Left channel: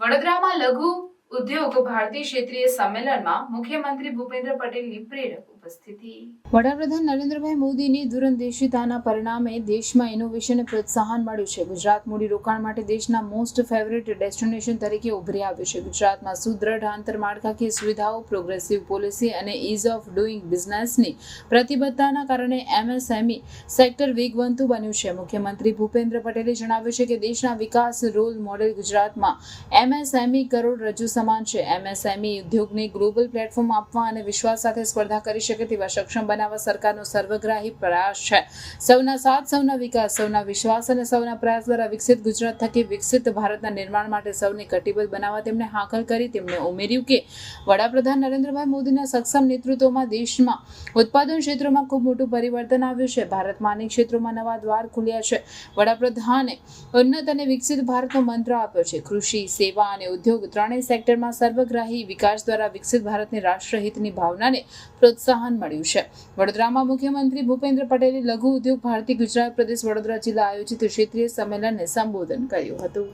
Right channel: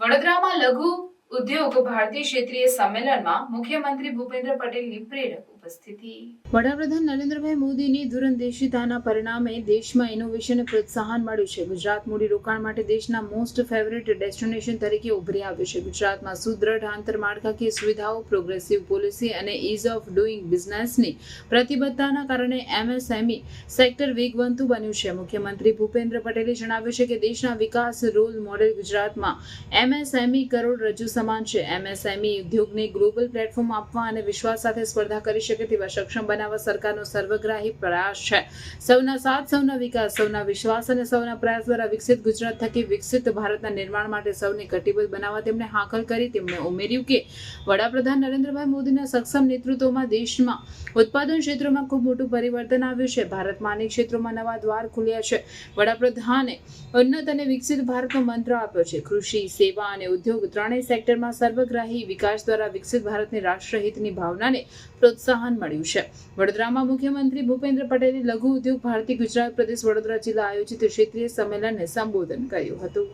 વડોદરામાં લઘુ ઉદ્યોગ ભારતીય ક્ષેત્રીય સંમેલનમાં મુખ્યમંત્રી ભૂપેન્દ્ર પટેલની પ્રેરક ઉપસ્થિતિ. વડાપ્રધાન નરેન્દ્રભાઈ મોદીની દૂરંદેશિતાના પરિણામે દેશમાં ઇનોવેશનને પ્રોત્સાહન મળ્યું છે. ગુજરાત મૂડી રોકાણ માટે દેશના મોસ્ટ ફેવરેટ ડેસ્ટિનેશન તરીકે ઉભરી આવ્યું છે. ગુજરાતમાં સુદ્રઢ આંતરમાળખાકીય સુવિધાઓ પ્રોગ્રેસિવ પોલિસી અને ઇઝ ઓફ ડુઇંગ બિઝનેસની પ્રતિબદ્ધતાના કારણે એમએસએમઈ સેક્ટર વેગવંતુ બન્યું છે. મુખ્યમંત્રી ભૂપેન્દ્ર પટેલે જણાવ્યું છે કે દેશના વિકાસ રોલ મોડેલ ગુજરાતમાં એમએસએમઈ કરોડ રજૂ સમાન છે. એમએસએમઈ ઉદ્યોગને ગ્લોબલ પ્લેટફોર્મ આપવા અને વિશ્વાસ સાથે સ્પર્ધા કરી શકે તેવા સક્ષમ બનાવવા સરકારનો સર્વગ્રાહી પ્રયાસ છે. સૌના સાથ, સૌના વિકાસ, સૌના વિશ્વાસ અને સૌના પ્રયાસ દ્વારા વિકસિત ગુજરાત થકી વિકસિત ભારતના નિર્માણ માટે સૌને કટિબદ્ધ બનાવવા તેમણે હાકલ કરી. તેમણે ઉમેર્યું કે, વડાપ્રધાન નરેન્દ્રભાઈ મોદીના સક્ષમ નેતૃત્વમાં દેશમાં ઉત્પાદન ક્ષેત્રોમાં ખૂબ મોટું પરિવર્તન આવ્યું છે. ભારતમાં અનેક ક્ષેત્રોમાં નવા દ્વાર ખુલ્યા છે. વડાપ્રધાને ઉન્નત અને વિકસિત ભારતનો મંત્ર આપ્યો છે. કૃષિ, સેવા અને ઉદ્યોગ ત્રણેય સેક્ટરમાં સર્વગ્રાહી વિકાસ દ્વારા વિકસિત ભારતની રાષ્ટ્રહિતની ભાવનાને પ્રોત્સાહન મળ્યું છે. વડોદરામાં મુખ્યમંત્રી ભૂપેન્દ્ર પટેલે લઘુ ઉદ્યોગ ભારતી ગુજરાત પ્રદેશ વડોદરા જિલ્લા આયોજિત ક્ષેત્રીય સંમેલનને સંબોધન કર્યું હતું.